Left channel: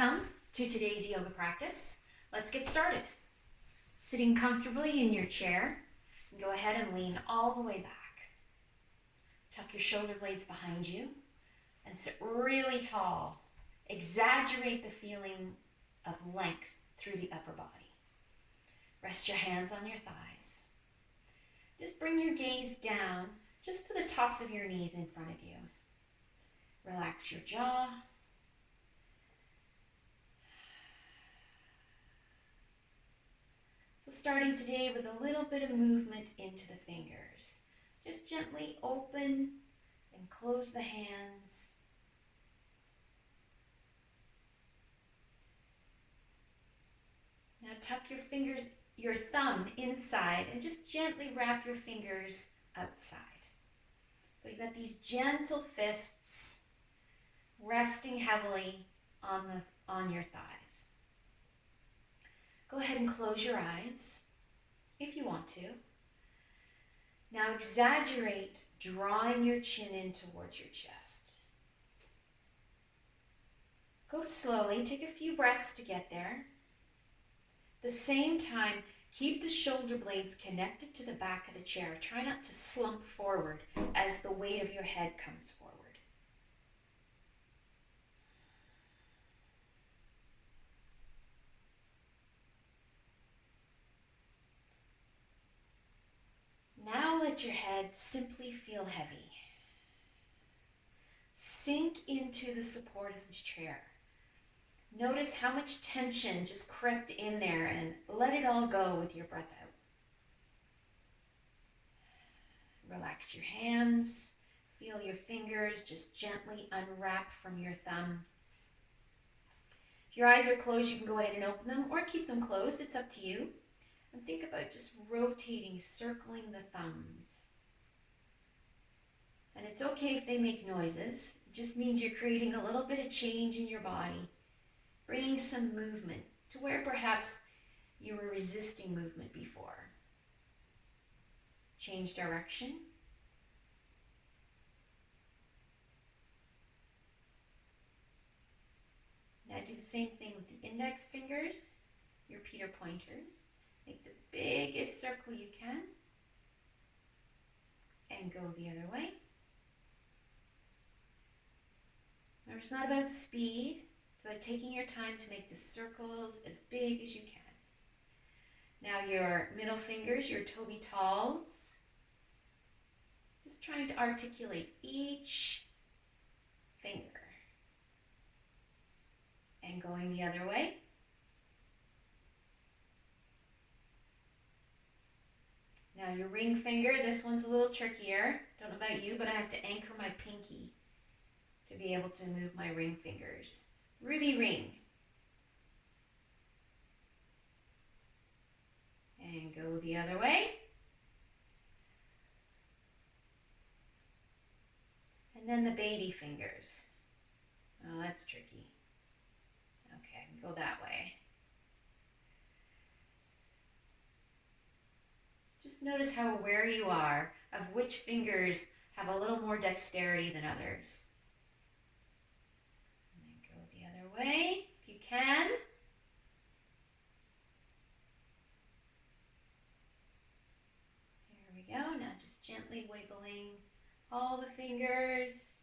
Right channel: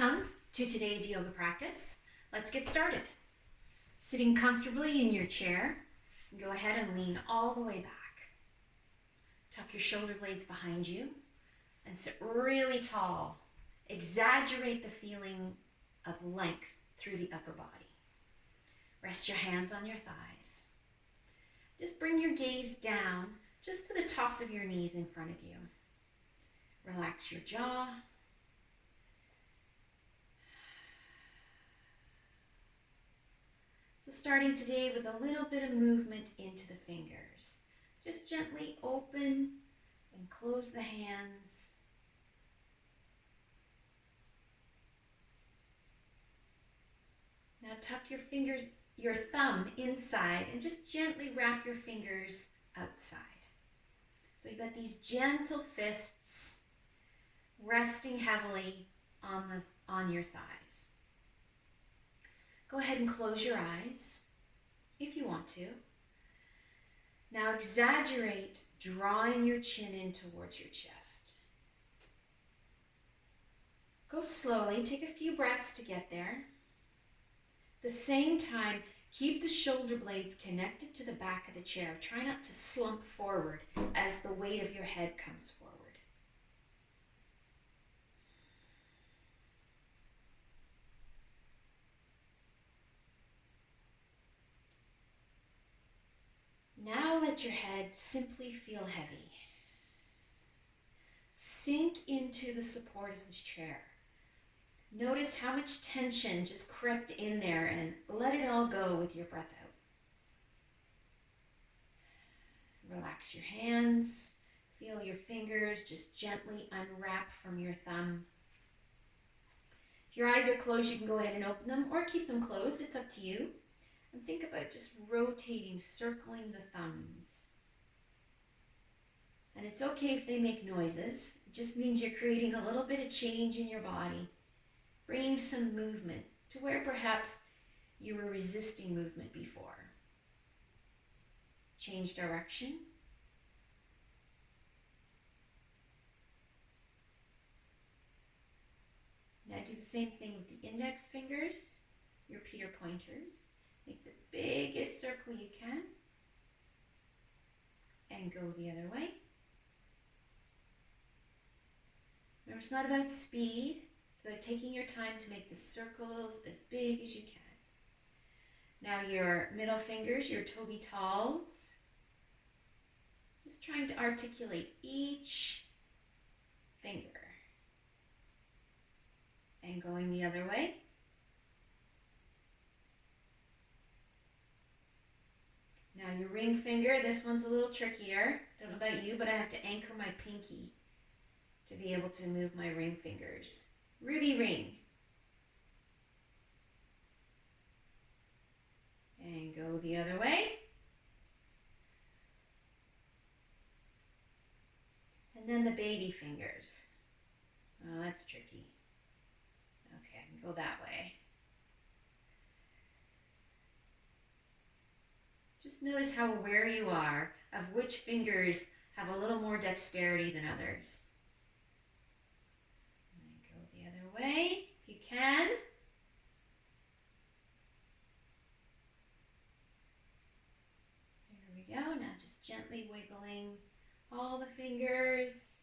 Welcome to today's yoga practice. Let's get started. Sitting comfortably in your chair, go ahead and lean all the way back. Tuck your shoulder blades behind you and sit really tall. Exaggerate the feeling of length through the upper body. Rest your hands on your thighs. Just bring your gaze down just to the tops of your knees in front of you. Relax your jaw. So starting today with a little bit of movement into the fingers. Just gently open and close the hands. Now tuck your thumb inside and just gently wrap your fingers outside. So you've got these gentle fists resting heavily on your thighs. Go ahead and close your eyes if you want to. Now exaggerate drawing your chin in towards your chest. Go slowly, take a few breaths to get there. At the same time, keep the shoulder blades connected to the back of the chair. Try not to slump forward as the weight of your head comes forward. Now let your head simply feel heavy. Sink into the support of this chair. Notice how much tension just crept in there and let it all go with your breath out. Relax your hands. Feel your fingers just gently unwrap from your thumb. If your eyes are closed, you can go ahead and open them or keep them closed. It's up to you. And think about just rotating, circling the thumbs. And it's okay if they make noises. It just means you're creating a little bit of change in your body, bringing some movement to where perhaps you were resisting movement before. Change direction. Now do the same thing with the index fingers, your Peter pointers. Make the biggest circle you can and go the other way. Remember, it's not about speed. It's about taking your time to make the circles as big as you can. Now your middle fingers, your toe talls. Just trying to articulate each finger. And going the other way. Now your ring finger, this one's a little trickier. Don't know about you, but I have to anchor my pinky to be able to move my ring fingers. Ruby ring. And go the other way. And then the baby fingers. Oh, that's tricky. Okay, I can go that way. Just notice how aware you are of which fingers have a little more dexterity than others. And then go the other way if you can. There we go. Now just gently wiggling all the fingers.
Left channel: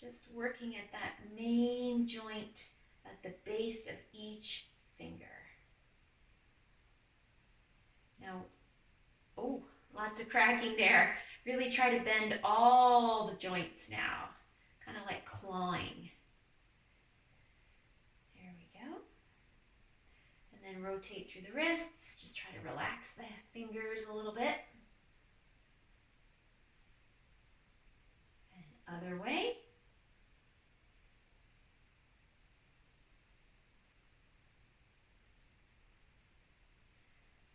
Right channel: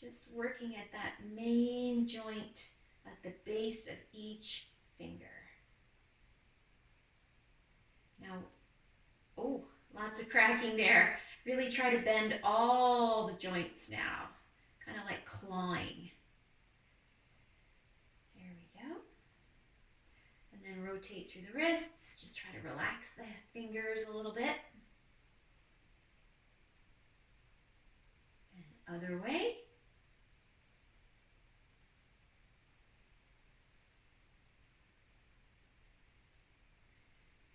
Just working at that main joint at the base of each finger. Now, oh, lots of cracking there. Really try to bend all the joints now, kind of like clawing. There we go. And then rotate through the wrists. Just try to relax the fingers a little bit. And other way.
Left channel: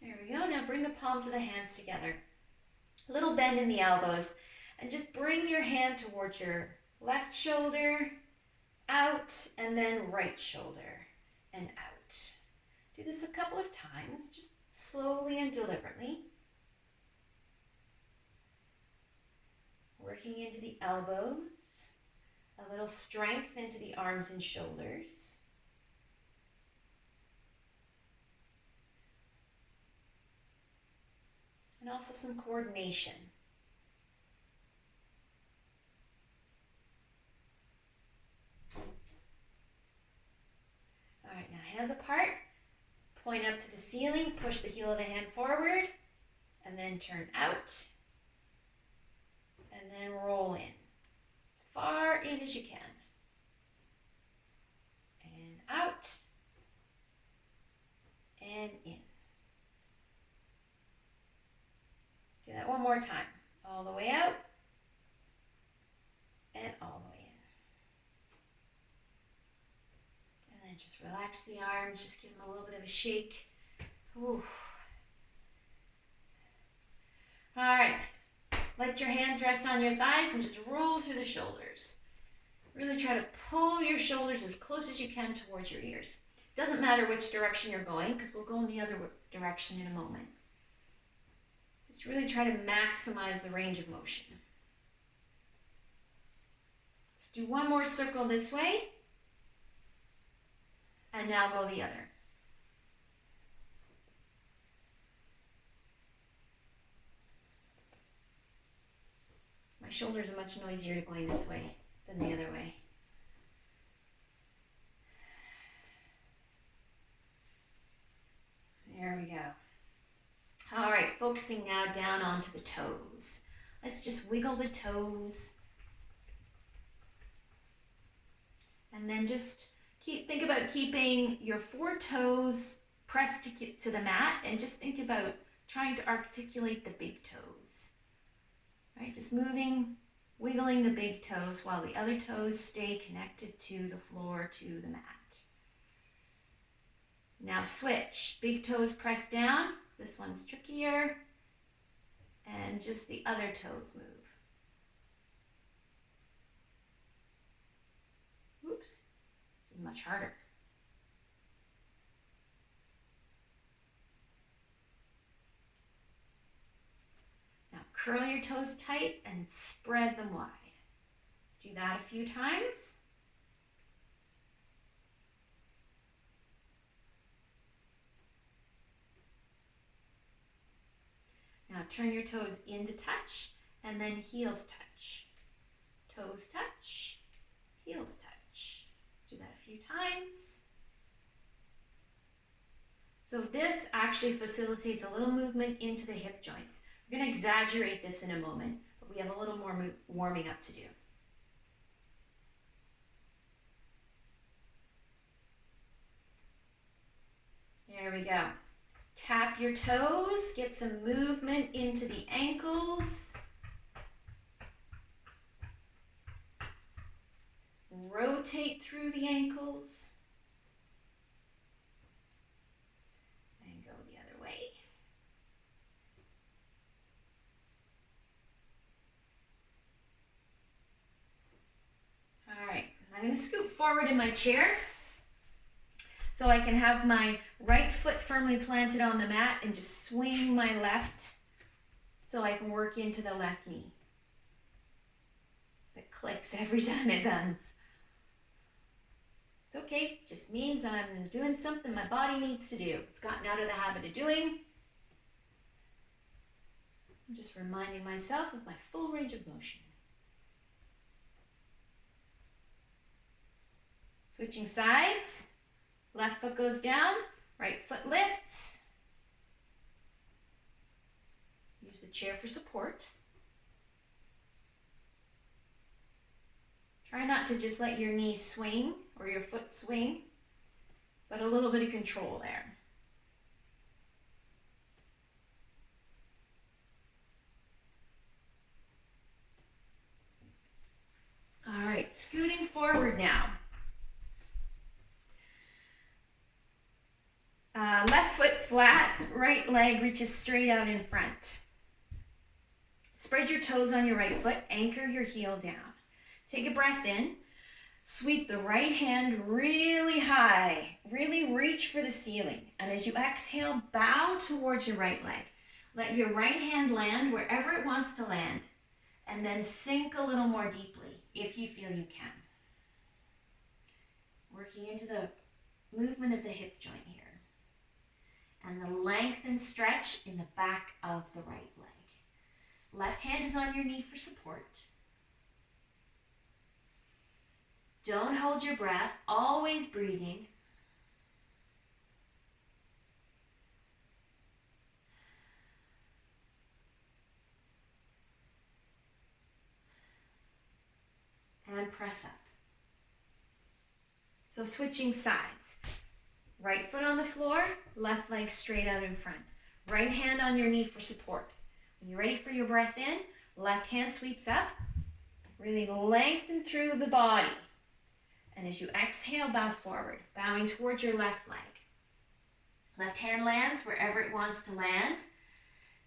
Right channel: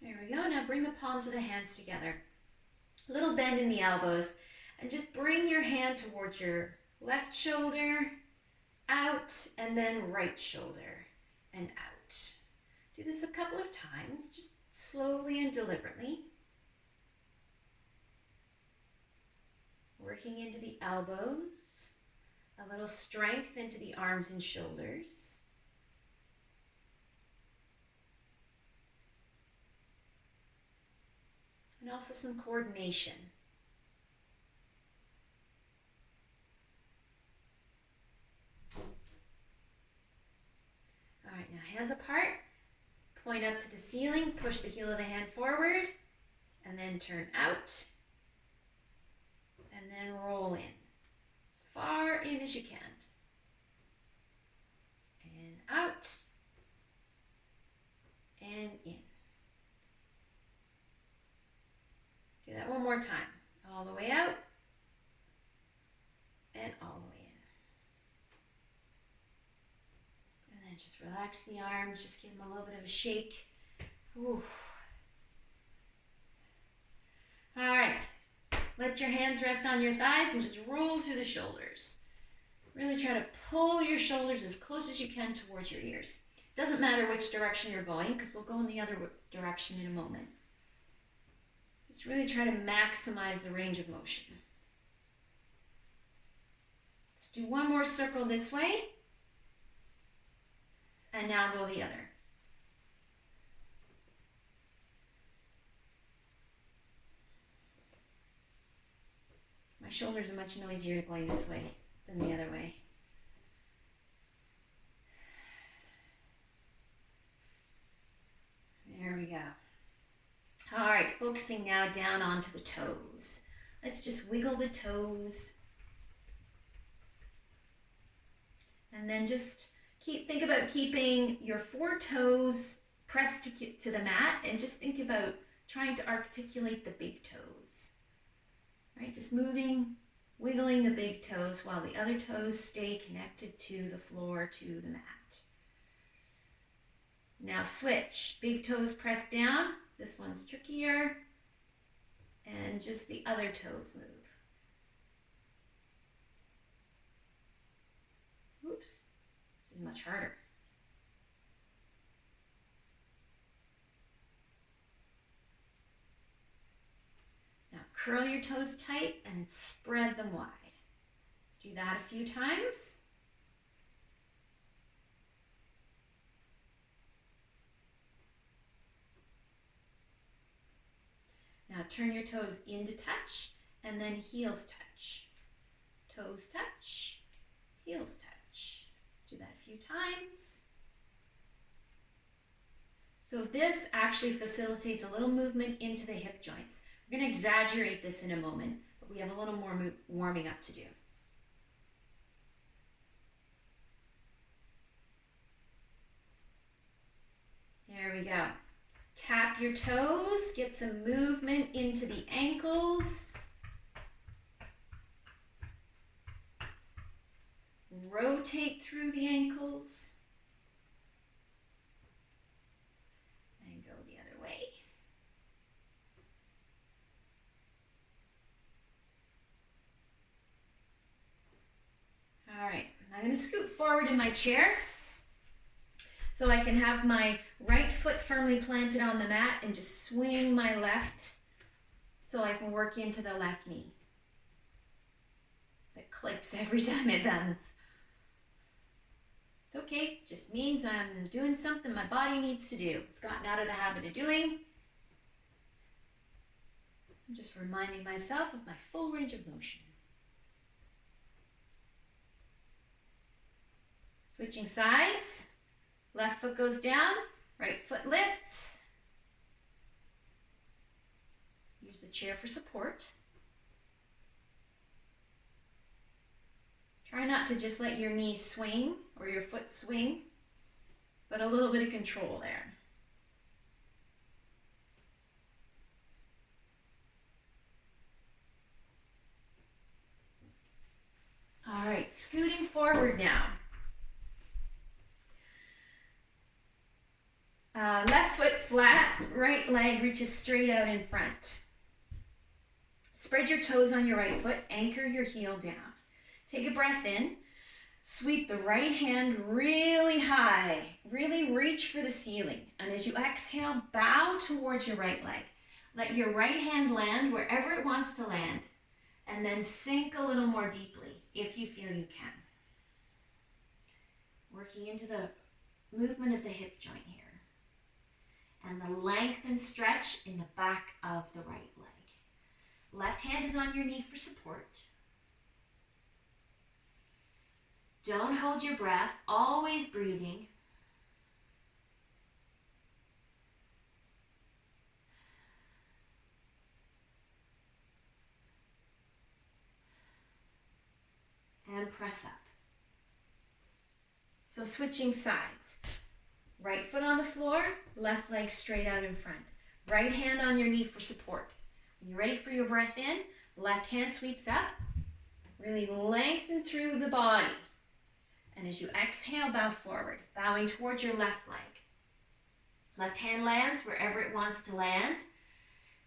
There we go. Now bring the palms of the hands together. A little bend in the elbows. And just bring your hand towards your left shoulder, out, and then right shoulder, and out. Do this a couple of times, just slowly and deliberately. Working into the elbows, A little strength into the arms and shoulders. And also some coordination. All right, now hands apart. Point up to the ceiling, push the heel of the hand forward, and then turn out. And then roll in. As far in as you can. And out. And in. Do that one more time. All the way out. And all the way in. And then just relax the arms. Just give them a little bit of a shake. Ooh. All right. Let your hands rest on your thighs and just roll through the shoulders. Really try to pull your shoulders as close as you can towards your ears. Doesn't matter which direction you're going, because we'll go in the other direction in a moment. Just really try to maximize the range of motion. Let's do one more circle this way. And now go the other. My shoulders are much noisier going this way than the other way. There we go. All right, focusing now down onto the toes. Let's just wiggle the toes. And then just think about keeping your 4 toes pressed to the mat, and just think about trying to articulate the big toes. Right, just moving, wiggling the big toes while the other toes stay connected to the floor, to the mat. Now switch, big toes pressed down. This one's trickier. And just the other toes move. Oops, this is much harder. Now curl your toes tight and spread them wide. Do that a few times. Now turn your toes into touch and then heels touch. Toes touch, heels touch. Do that a few times. So this actually facilitates a little movement into the hip joints. We're going to exaggerate this in a moment, but we have a little more warming up to do. There we go. Tap your toes, get some movement into the ankles. Rotate through the ankles. And go the other way. All right, I'm going to scoot forward in my chair so I can have my right foot firmly planted on the mat and just swing my left so I can work into the left knee. That clicks every time it bends. It's okay, it just means I'm doing something my body needs to do. It's gotten out of the habit of doing. I'm just reminding myself of my full range of motion. Switching sides. Left foot goes down, right foot lifts. Use the chair for support. Try not to just let your knee swing or your foot swing, but a little bit of control there. All right, scooting forward now. Left foot flat, right leg reaches straight out in front. Spread your toes on your right foot, anchor your heel down. Take a breath in, sweep the right hand really high, really reach for the ceiling. And as you exhale, bow towards your right leg. Let your right hand land wherever it wants to land, and then sink a little more deeply if you feel you can. Working into the movement of the hip joint here. And the length and stretch in the back of the right leg. Left hand is on your knee for support. Don't hold your breath, always breathing. And press up. So switching sides. Right foot on the floor, left leg straight out in front. Right hand on your knee for support. When you're ready for your breath in, left hand sweeps up. Really lengthen through the body. And as you exhale, bow forward, bowing towards your left leg. Left hand lands wherever it wants to land.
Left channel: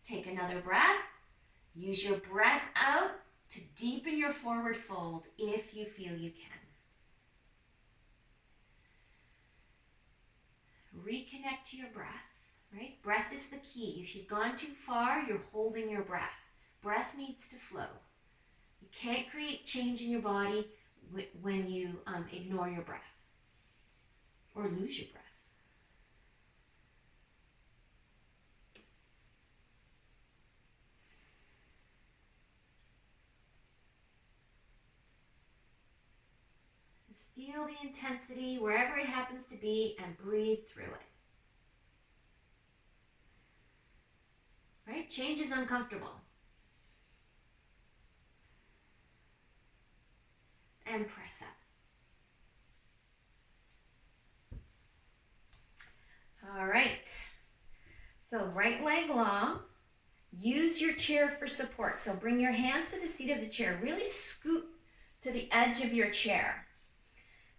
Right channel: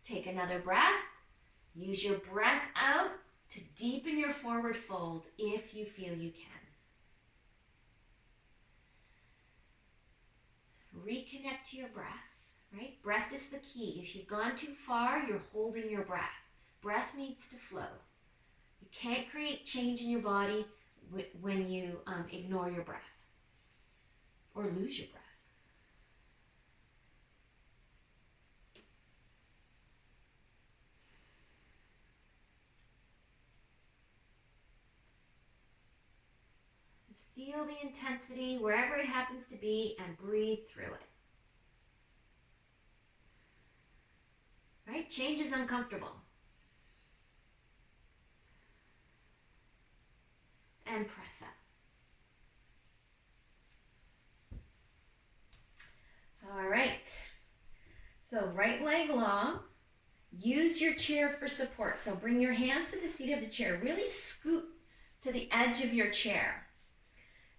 Take another breath. Use your breath out to deepen your forward fold if you feel you can. Reconnect to your breath, right? Breath is the key. If you've gone too far, you're holding your breath. Breath needs to flow. You can't create change in your body when you ignore your breath or lose your breath. Just feel the intensity wherever it happens to be and breathe through it. Right? Change is uncomfortable. And press up. All right. So right leg long. Use your chair for support. So bring your hands to the seat of the chair. Really scoot to the edge of your chair.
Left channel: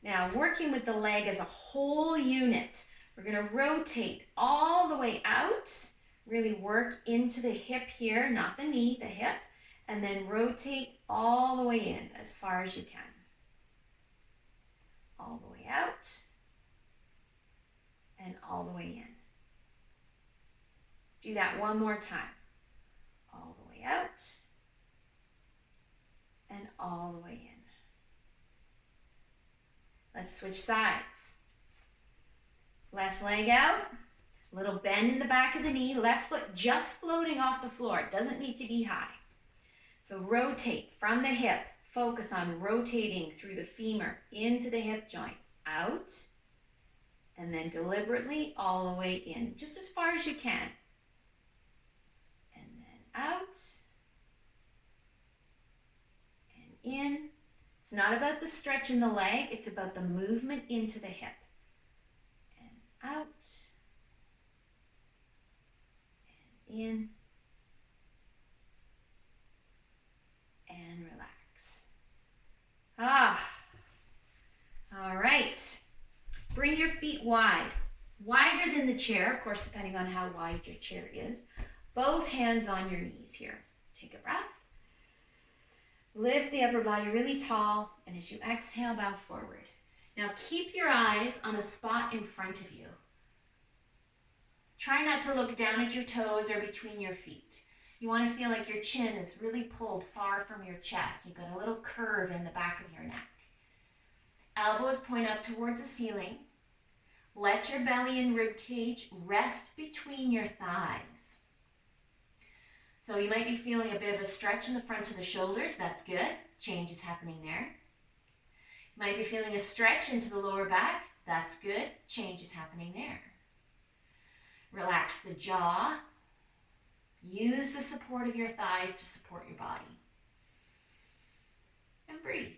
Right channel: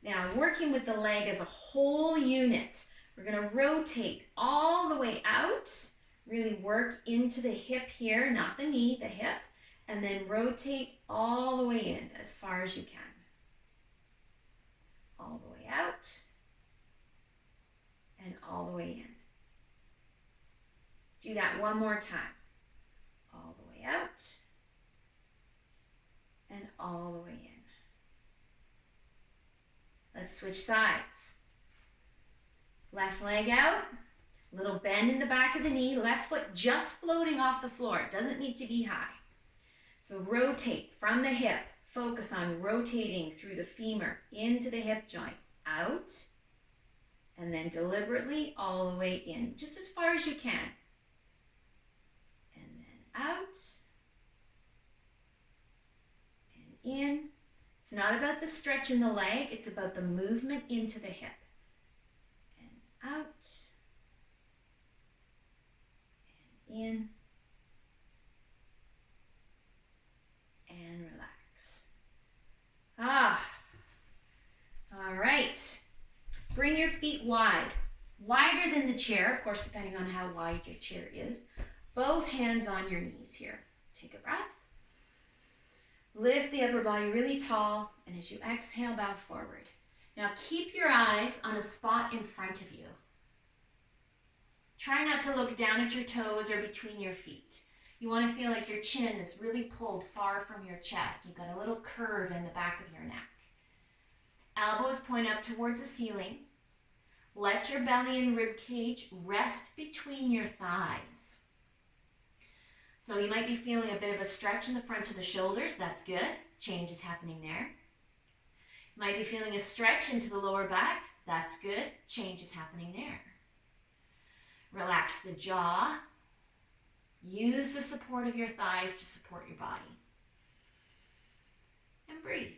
Now, working with the leg as a whole unit, we're going to rotate all the way out. Really work into the hip here, not the knee, the hip. And then rotate all the way in as far as you can. All the way out. And all the way in. Do that one more time. All the way out. And all the way in. Let's switch sides. Left leg out, little bend in the back of the knee, left foot just floating off the floor. It doesn't need to be high. So rotate from the hip. Focus on rotating through the femur into the hip joint. Out, and then deliberately all the way in, just as far as you can. And then out, and in. It's not about the stretch in the leg, it's about the movement into the hip. And out, and in, and relax. All right. Bring your feet wide, wider than the chair, of course, depending on how wide your chair is. Both hands on your knees here. Take a breath. Lift the upper body really tall, and as you exhale, bow forward. Now keep your eyes on a spot in front of you. Try not to look down at your toes or between your feet. You want to feel like your chin is really pulled far from your chest. You've got a little curve in the back of your neck. Elbows point up towards the ceiling. Let your belly and rib cage rest between your thighs. So you might be feeling a bit of a stretch in the front of the shoulders. That's good. Change is happening there. You might be feeling a stretch into the lower back. That's good. Change is happening there. Relax the jaw. Use the support of your thighs to support your body. And breathe.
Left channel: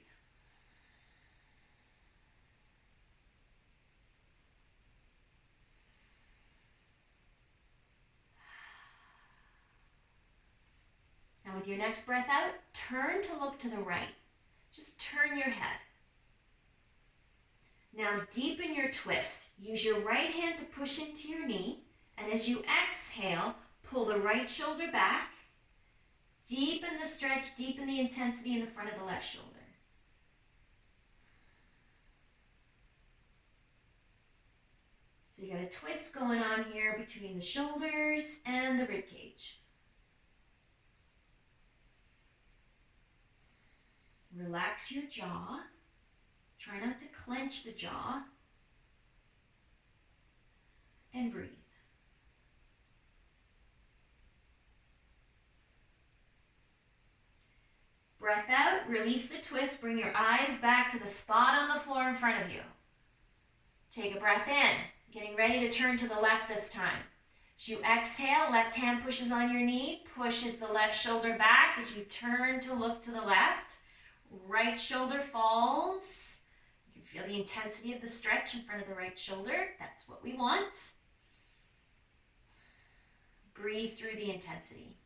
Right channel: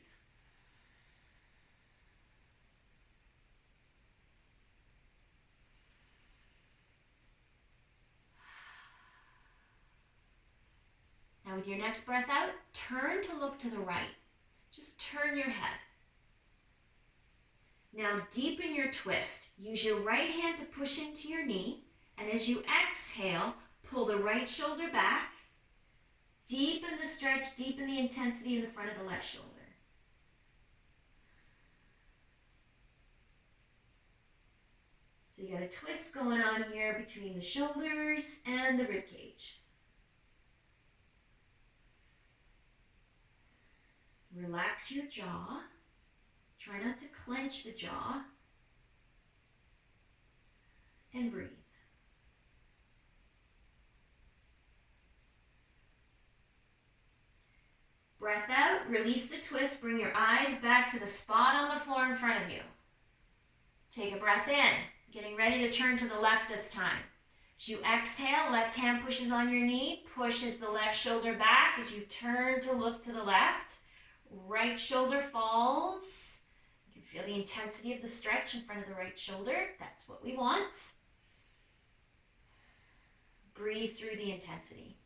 Now with your next breath out, turn to look to the right. Just turn your head. Now deepen your twist. Use your right hand to push into your knee, and as you exhale, pull the right shoulder back. Deepen the stretch, deepen the intensity in the front of the left shoulder. So you got a twist going on here between the shoulders and the rib cage. Relax your jaw. Try not to clench the jaw. And breathe. Breath out, release the twist, bring your eyes back to the spot on the floor in front of you. Take a breath in, getting ready to turn to the left this time. As you exhale, left hand pushes on your knee, pushes the left shoulder back as you turn to look to the left. Right shoulder falls. You can feel the intensity of the stretch in front of the right shoulder. That's what we want. Breathe through the intensity.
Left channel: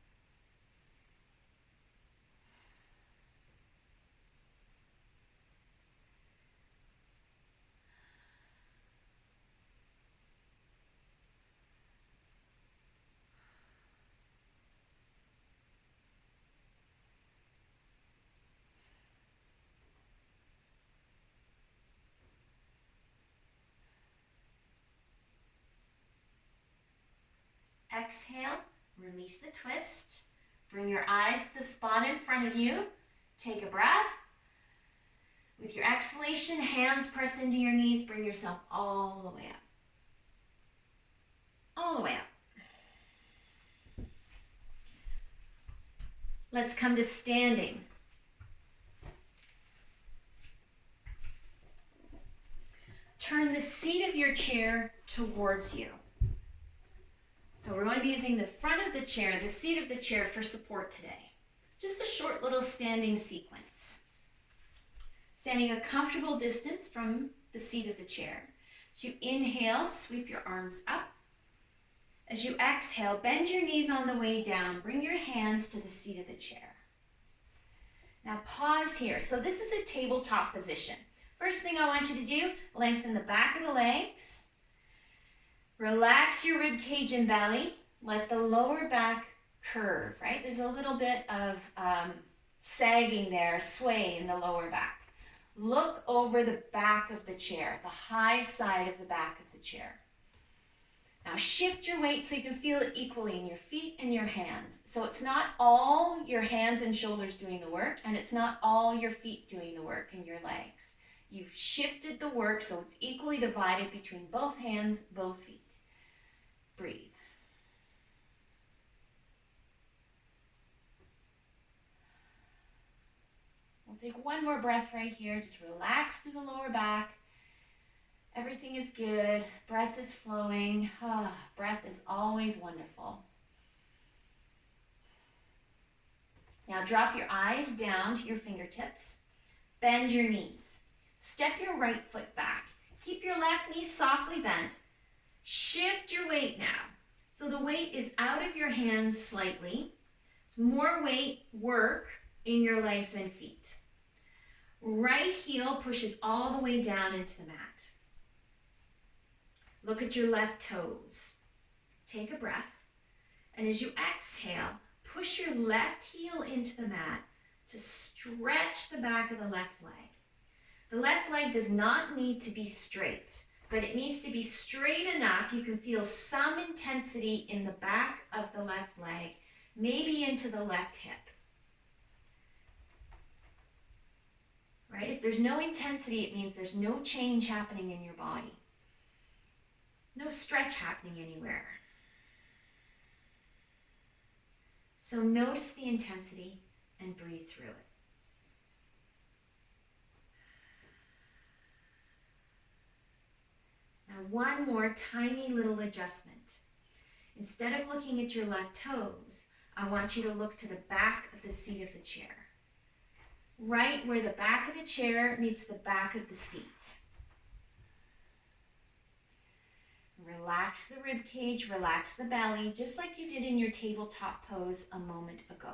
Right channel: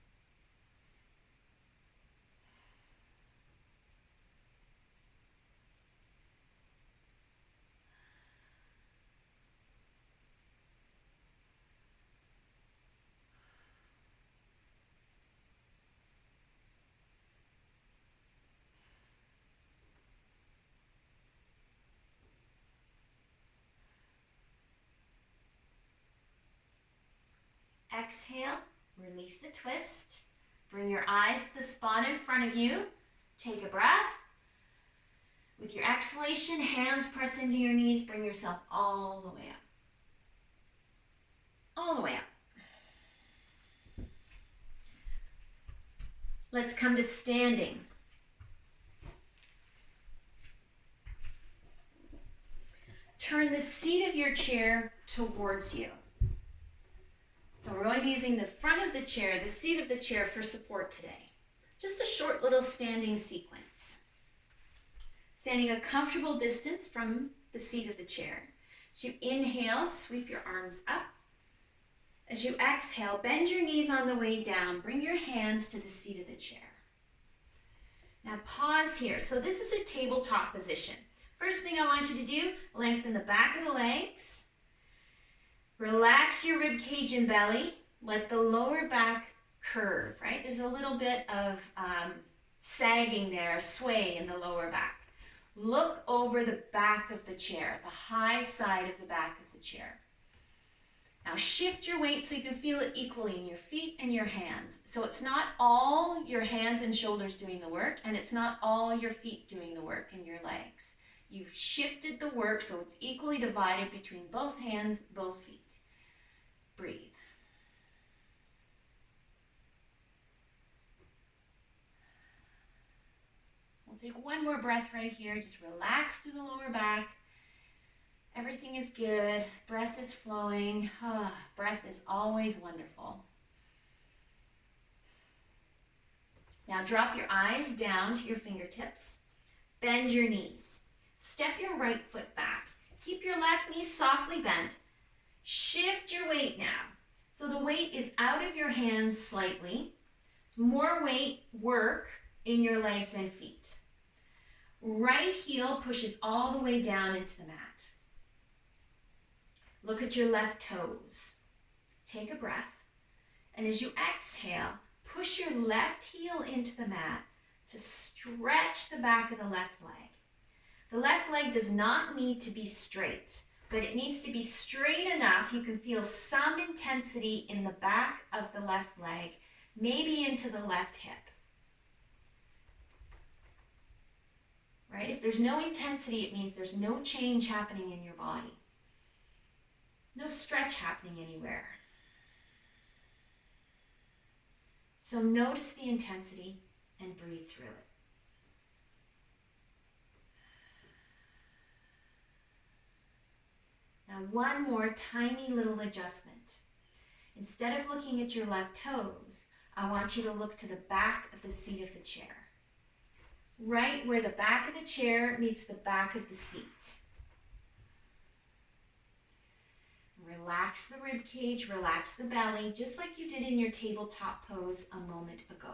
Exhale, release the twist. Bring your eyes to the spot in front of you. Take a breath. With your exhalation, hands press into your knees. Bring yourself all the way up. All the way up. Let's come to standing. Turn the seat of your chair towards you. So we're going to be using the front of the chair, the seat of the chair for support today. Just a short little standing sequence. Standing a comfortable distance from the seat of the chair. As you inhale, sweep your arms up. As you exhale, bend your knees on the way down. Bring your hands to the seat of the chair. Now pause here. So this is a tabletop position. First thing I want you to do, lengthen the back of the legs. Relax your rib cage and belly. Let the lower back curve, right? There's a little bit of sagging there, sway in the lower back. Look over the back of the chair, the high side of the back of the chair. Now shift your weight so you can feel it equally in your feet and your hands. So it's not all your hands and shoulders doing the work, and it's not all your feet doing the work and your legs. You've shifted the work so it's equally divided between both hands, both feet. Breathe. We'll take one more breath right here. Just relax through the lower back. Everything is good. Breath is flowing. Breath is always wonderful. Now drop your eyes down to your fingertips. Bend your knees. Step your right foot back. Keep your left knee softly bent. Shift your weight now. So the weight is out of your hands slightly. More weight work in your legs and feet. Right heel pushes all the way down into the mat. Look at your left toes. Take a breath. And as you exhale, push your left heel into the mat to stretch the back of the left leg. The left leg does not need to be straight, but it needs to be straight enough you can feel some intensity in the back of the left leg, maybe into the left hip. Right? If there's no intensity, it means there's no change happening in your body. No stretch happening anywhere. So notice the intensity and breathe through it. Now one more tiny little adjustment. Instead of looking at your left toes, I want you to look to the back of the seat of the chair. Right where the back of the chair meets the back of the seat. Relax the rib cage, relax the belly, just like you did in your tabletop pose a moment ago.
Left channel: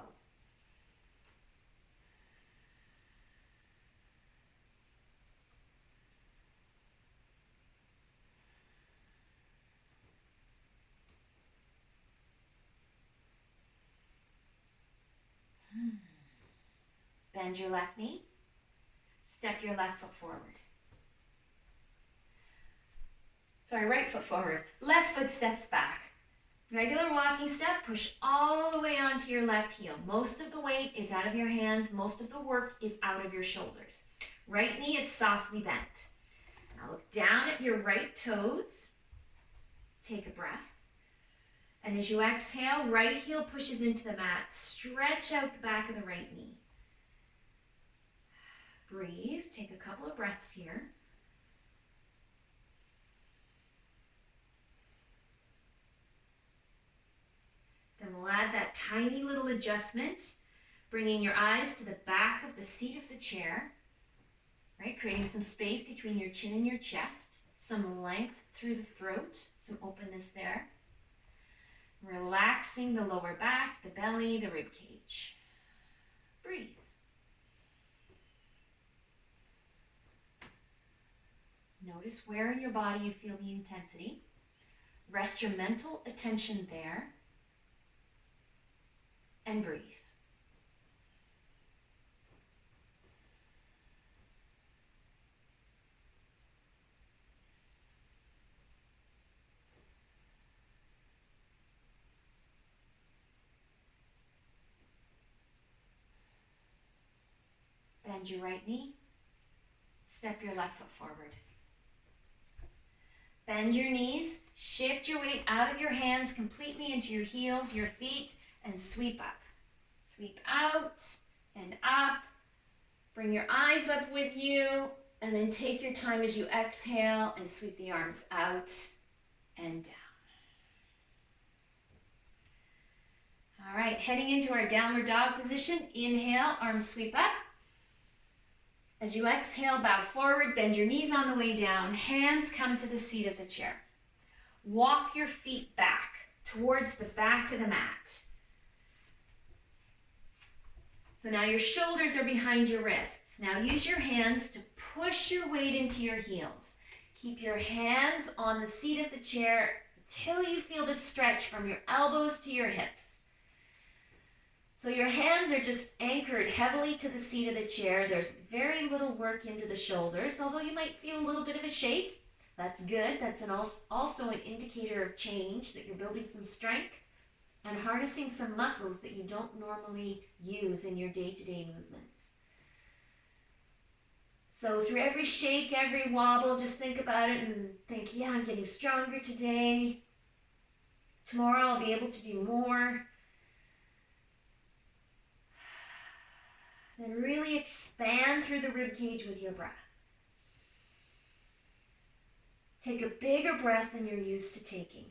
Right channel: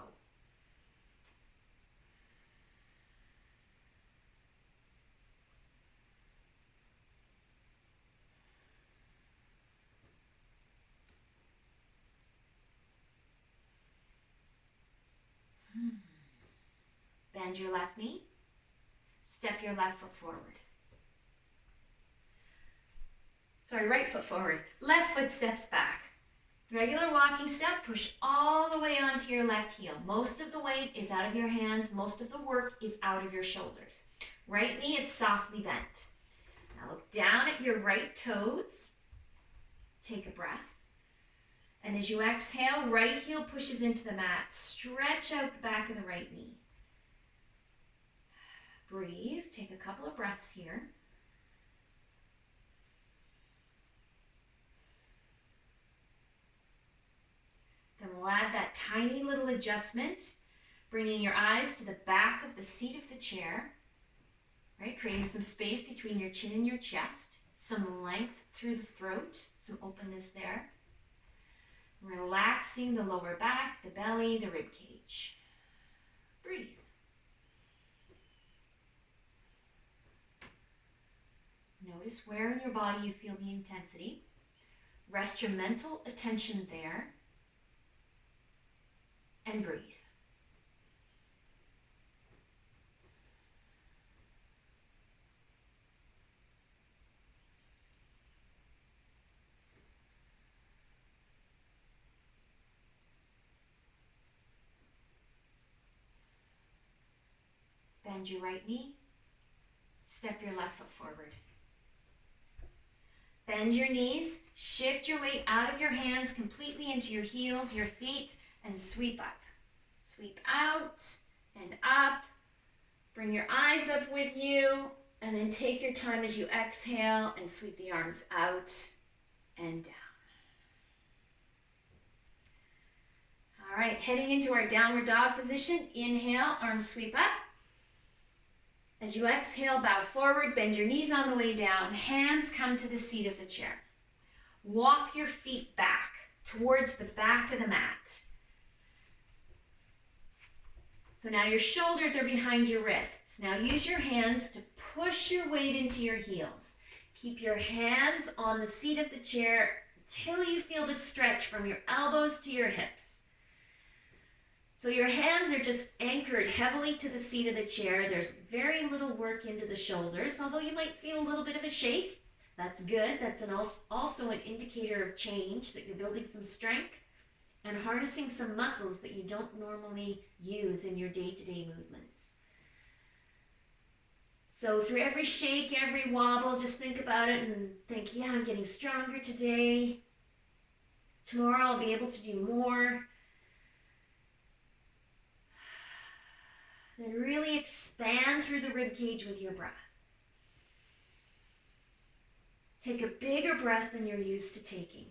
Bend your left knee. Step your left foot forward. Sorry, right foot forward. Left foot steps back. Regular walking step, push all the way onto your left heel. Most of the weight is out of your hands. Most of the work is out of your shoulders. Right knee is softly bent. Now look down at your right toes. Take a breath. And as you exhale, right heel pushes into the mat. Stretch out the back of the right knee. Breathe. Take a couple of breaths here. Then we'll add that tiny little adjustment, bringing your eyes to the back of the seat of the chair, right? Creating some space between your chin and your chest, some length through the throat, some openness there. Relaxing the lower back, the belly, the rib cage. Breathe. Notice where in your body you feel the intensity. Rest your mental attention there. And breathe. Bend your right knee. Step your left foot forward. Bend your knees. Shift your weight out of your hands completely into your heels, your feet, and sweep up. Sweep out and up. Bring your eyes up with you, and then take your time as you exhale and sweep the arms out and down. All right, heading into our downward dog position. Inhale, arms sweep up. As you exhale, bow forward, bend your knees on the way down. Hands come to the seat of the chair. Walk your feet back towards the back of the mat. So now your shoulders are behind your wrists. Now use your hands to push your weight into your heels. Keep your hands on the seat of the chair until you feel the stretch from your elbows to your hips. So your hands are just anchored heavily to the seat of the chair. There's very little work into the shoulders, although you might feel a little bit of a shake. That's good. That's also an indicator of change, that you're building some strength and harnessing some muscles that you don't normally use in your day-to-day movements. So through every shake, every wobble, just think about it and think, yeah, I'm getting stronger today. Tomorrow I'll be able to do more. Then really expand through the rib cage with your breath. Take a bigger breath than you're used to taking.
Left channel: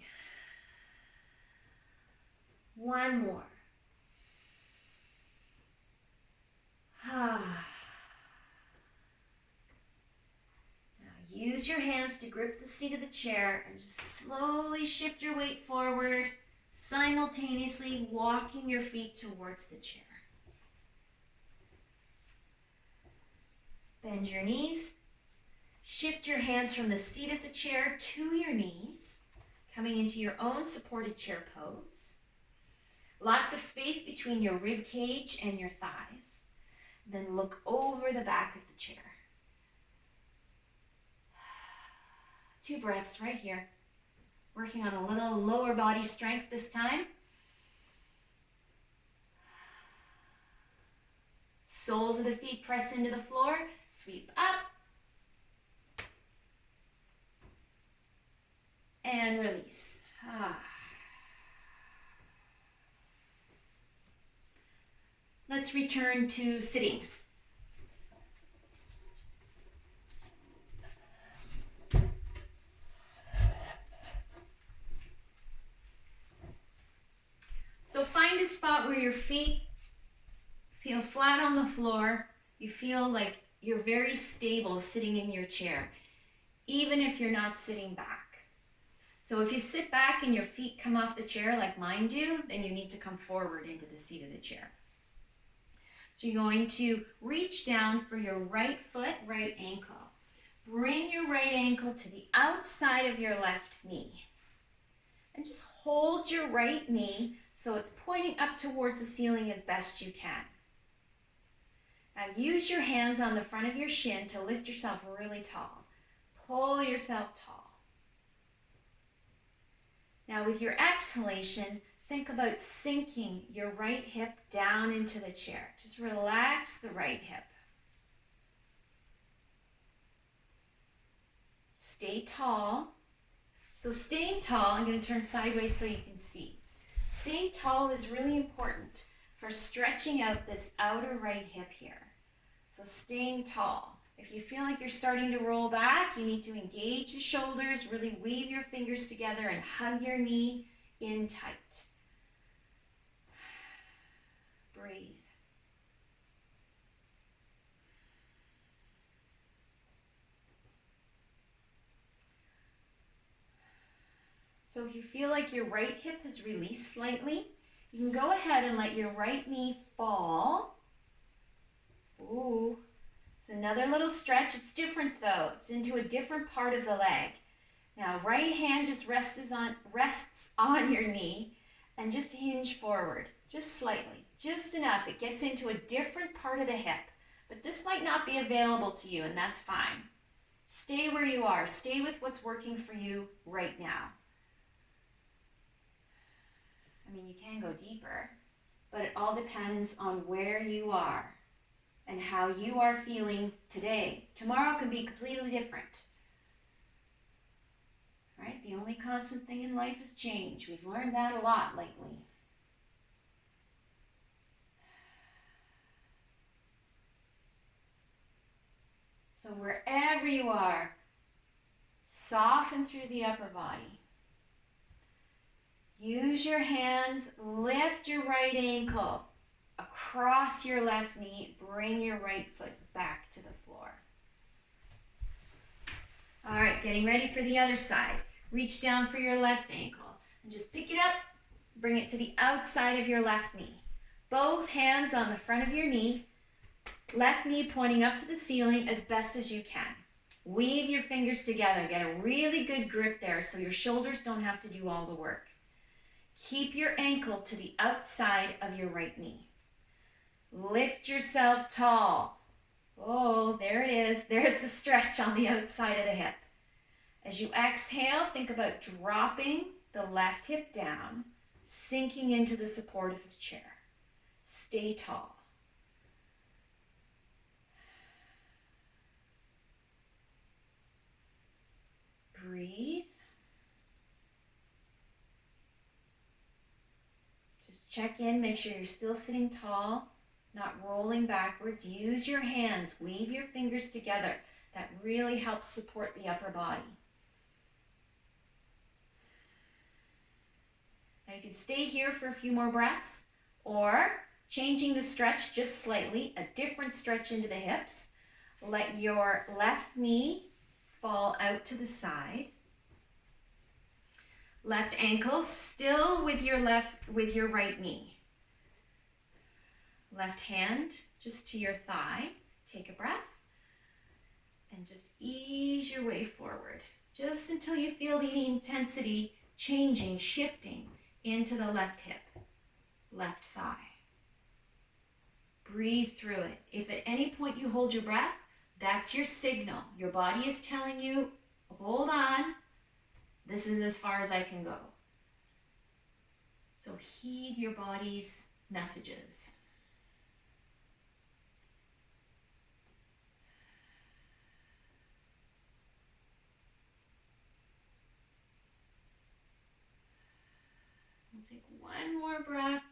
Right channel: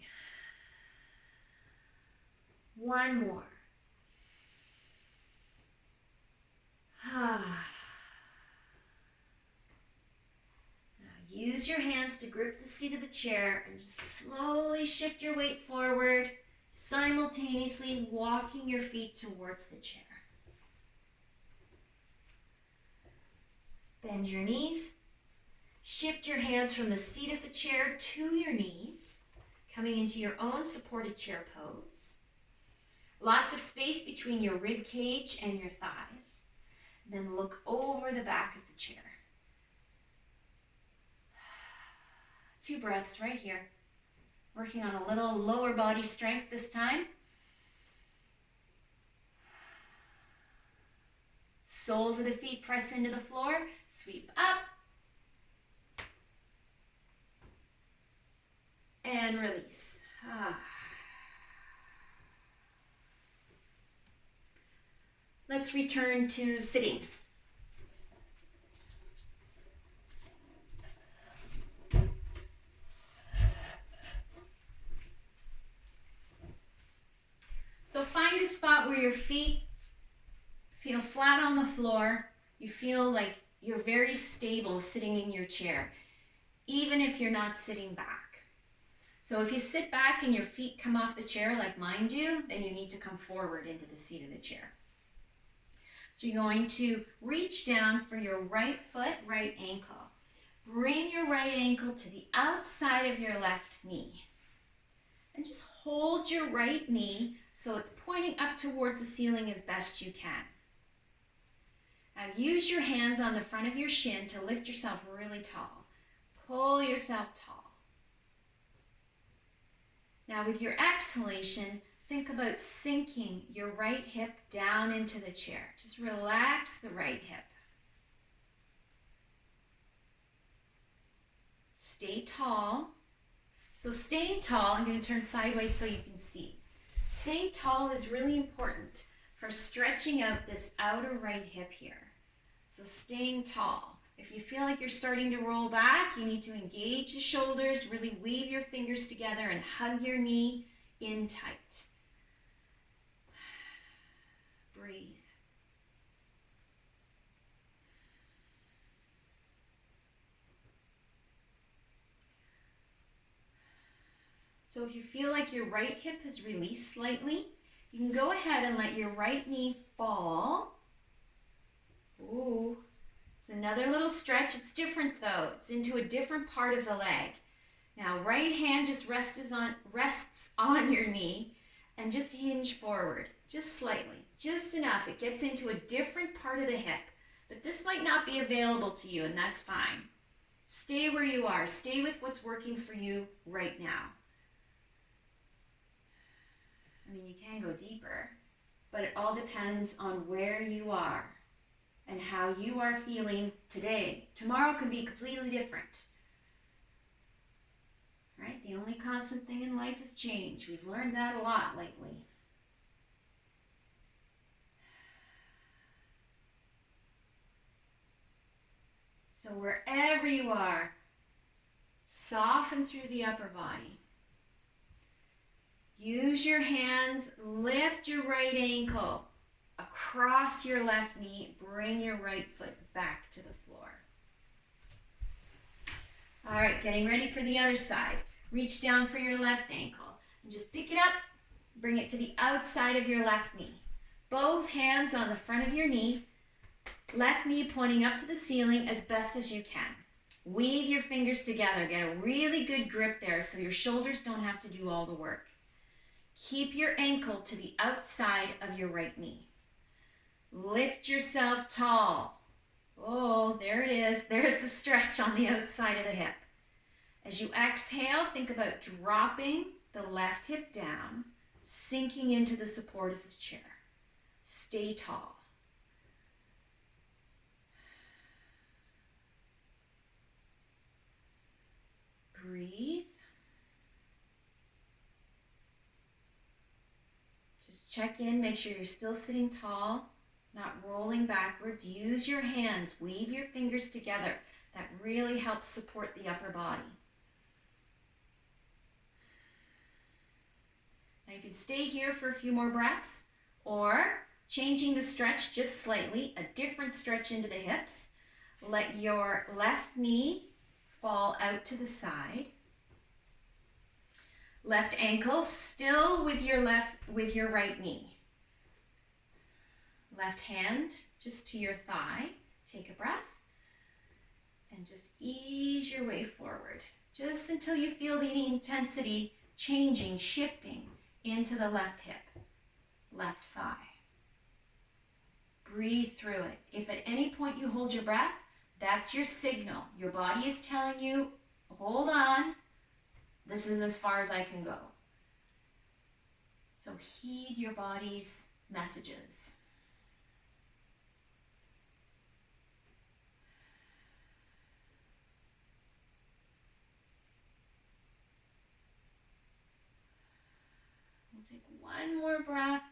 One more. Now use your hands to grip the seat of the chair and just slowly shift your weight forward, simultaneously walking your feet towards the chair. Bend your knees. Shift your hands from the seat of the chair to your knees, coming into your own supported chair pose. Lots of space between your rib cage and your thighs. Then look over the back of the chair. 2 breaths right here. Working on a little lower body strength this time. Soles of the feet press into the floor. Sweep up. And release. Let's return to sitting. So find a spot where your feet feel flat on the floor. You feel like you're very stable sitting in your chair, even if you're not sitting back. So if you sit back and your feet come off the chair like mine do, then you need to come forward into the seat of the chair. So you're going to reach down for your right foot, right ankle. Bring your right ankle to the outside of your left knee. And just hold your right knee so it's pointing up towards the ceiling as best you can. Now use your hands on the front of your shin to lift yourself really tall. Pull yourself tall. Now with your exhalation, think about sinking your right hip down into the chair. Just relax the right hip. Stay tall. So staying tall, I'm going to turn sideways so you can see. Staying tall is really important for stretching out this outer right hip here. So staying tall. If you feel like you're starting to roll back, you need to engage the shoulders, really weave your fingers together and hug your knee in tight. Breathe. So if you feel like your right hip has released slightly, you can go ahead and let your right knee fall. Ooh, it's another little stretch. It's different though. It's into a different part of the leg. Now, right hand just rests on your knee and just hinge forward, just slightly, just enough. It gets into a different part of the hip, but this might not be available to you, and that's fine. Stay where you are. Stay with what's working for you right now. I mean, you can go deeper, but it all depends on where you are and how you are feeling today. Tomorrow can be completely different. Right? The only constant thing in life is change. We've learned that a lot lately. So wherever you are, soften through the upper body. Use your hands, lift your right ankle across your left knee, bring your right foot back to the floor. All right, getting ready for the other side. Reach down for your left ankle and just pick it up, bring it to the outside of your left knee. Both hands on the front of your knee, left knee pointing up to the ceiling as best as you can. Weave your fingers together, get a really good grip there so your shoulders don't have to do all the work. Keep your ankle to the outside of your right knee. Lift yourself tall. Oh, there it is. There's the stretch on the outside of the hip. As you exhale, think about dropping the left hip down, sinking into the support of the chair. Stay tall. Breathe. Just check in, make sure you're still sitting tall, not rolling backwards. Use your hands, weave your fingers together. That really helps support the upper body. Now you can stay here for a few more breaths, or changing the stretch just slightly, a different stretch into the hips. Let your left knee fall out to the side. Left ankle still with your right knee. Left hand just to your thigh. Take a breath and just ease your way forward, just until you feel the intensity changing, shifting into the left hip, left thigh. Breathe through it. If at any point you hold your breath, that's your signal. Your body is telling you, hold on, this is as far as I can go. So heed your body's messages. We'll take one more breath.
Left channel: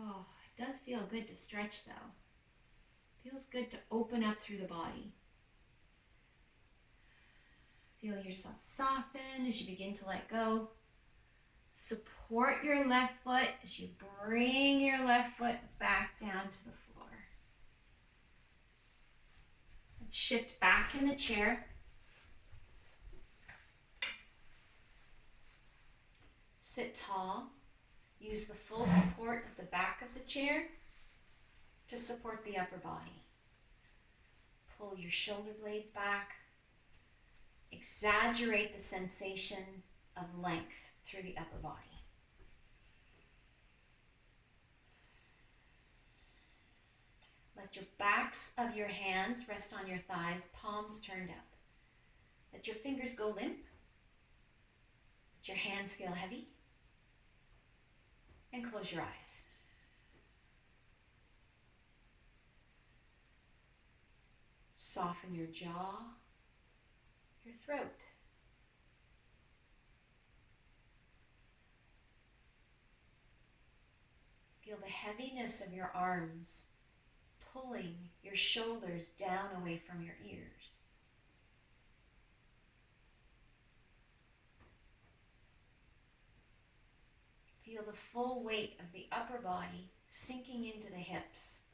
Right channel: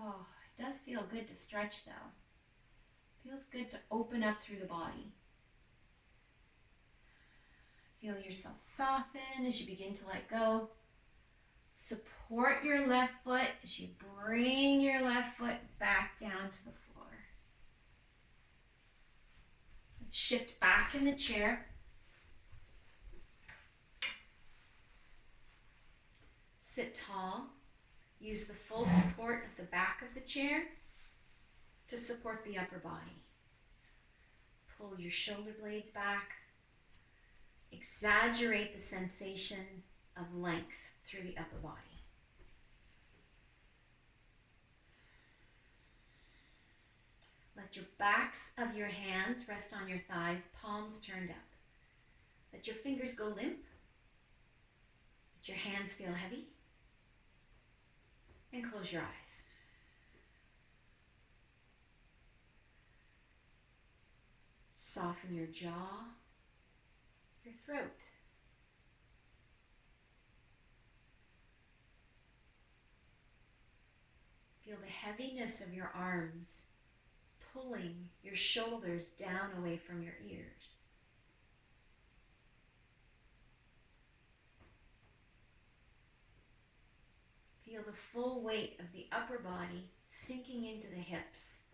Oh, it does feel good to stretch though. Feels good to open up through the body. Feel yourself soften as you begin to let go. Support your left foot as you bring your left foot back down to the floor. Let's shift back in the chair. Sit tall. Use the full support of the back of the chair to support the upper body. Pull your shoulder blades back. Exaggerate the sensation of length through the upper body. Let your backs of your hands rest on your thighs, palms turned up. Let your fingers go limp. Let your hands feel heavy. And close your eyes. Soften your jaw, your throat. Feel the heaviness of your arms pulling your shoulders down away from your ears. Feel the full weight of the upper body sinking into the hips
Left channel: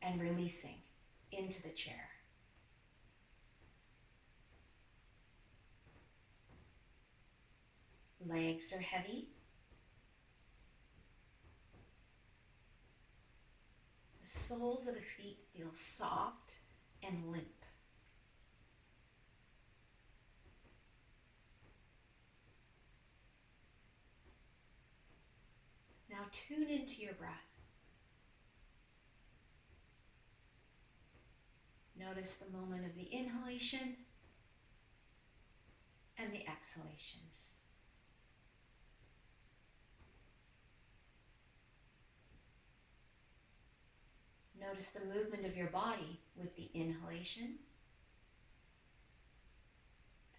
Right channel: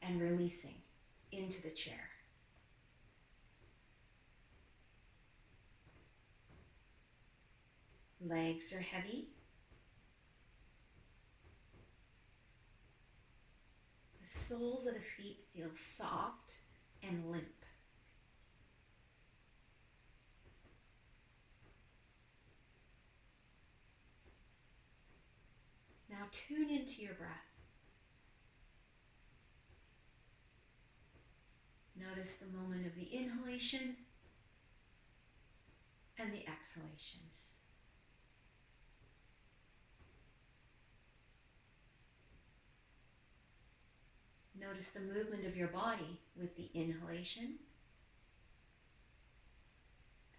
and releasing into the chair. Legs are heavy. The soles of the feet feel soft and limp. Now tune into your breath. Notice the moment of the inhalation and the exhalation. Notice the movement of your body with the inhalation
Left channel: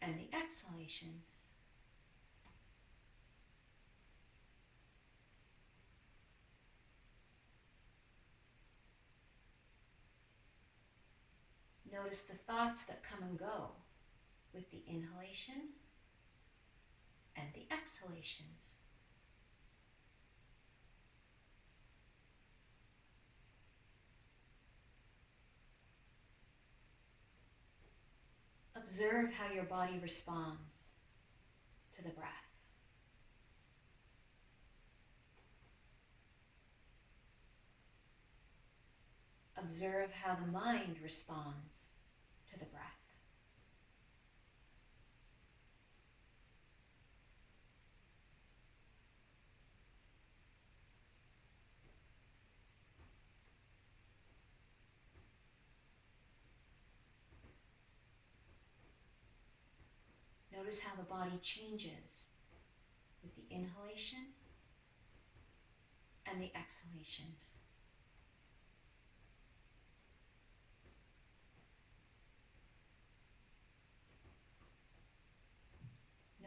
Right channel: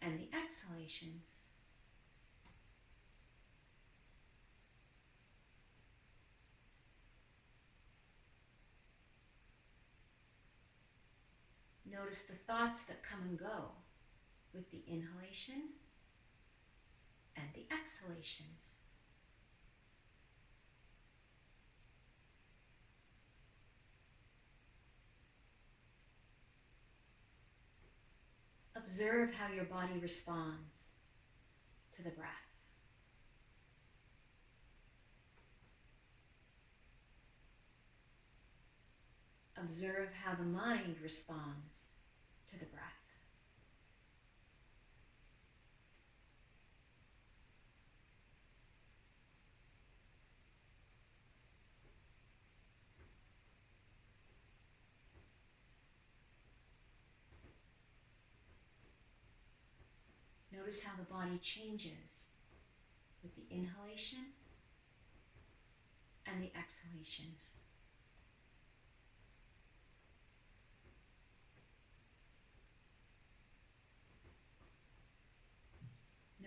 and the exhalation. Notice the thoughts that come and go with the inhalation and the exhalation. Observe how your body responds to the breath. Observe how the mind responds to the breath. Notice how the body changes with the inhalation and the exhalation.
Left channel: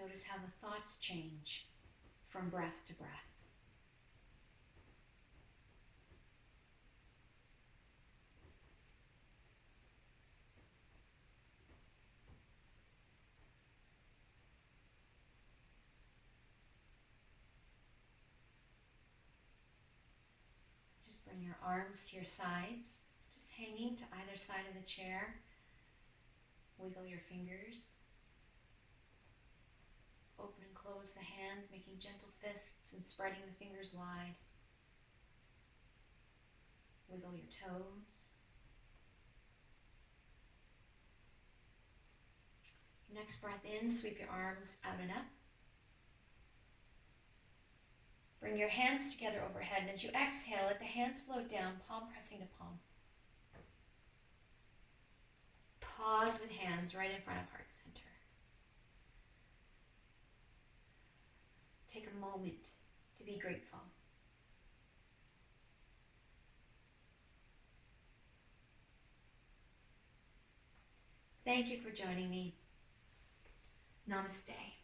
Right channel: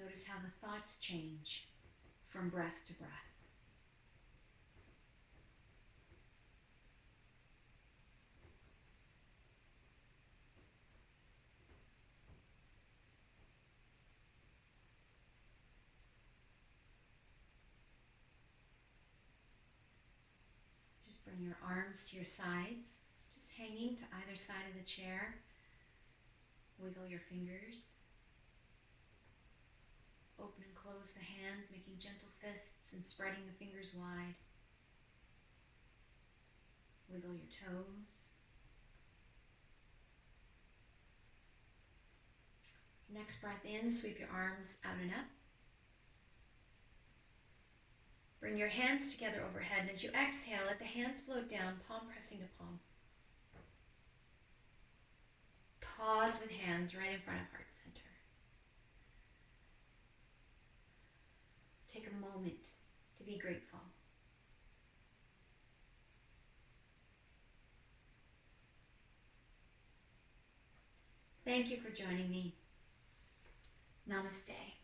Notice how the thoughts change from breath to breath. Just bring your arms to your sides, just hanging to either side of the chair. Wiggle your fingers. Open and close the hands, making gentle fists and spreading the fingers wide. Wiggle your toes. Next breath in, sweep your arms out and up. Bring your hands together overhead, and as you exhale, let the hands float down, palm pressing to palm. Pause with hands right in front of heart center. Take a moment to be grateful. Thank you for joining me. Namaste.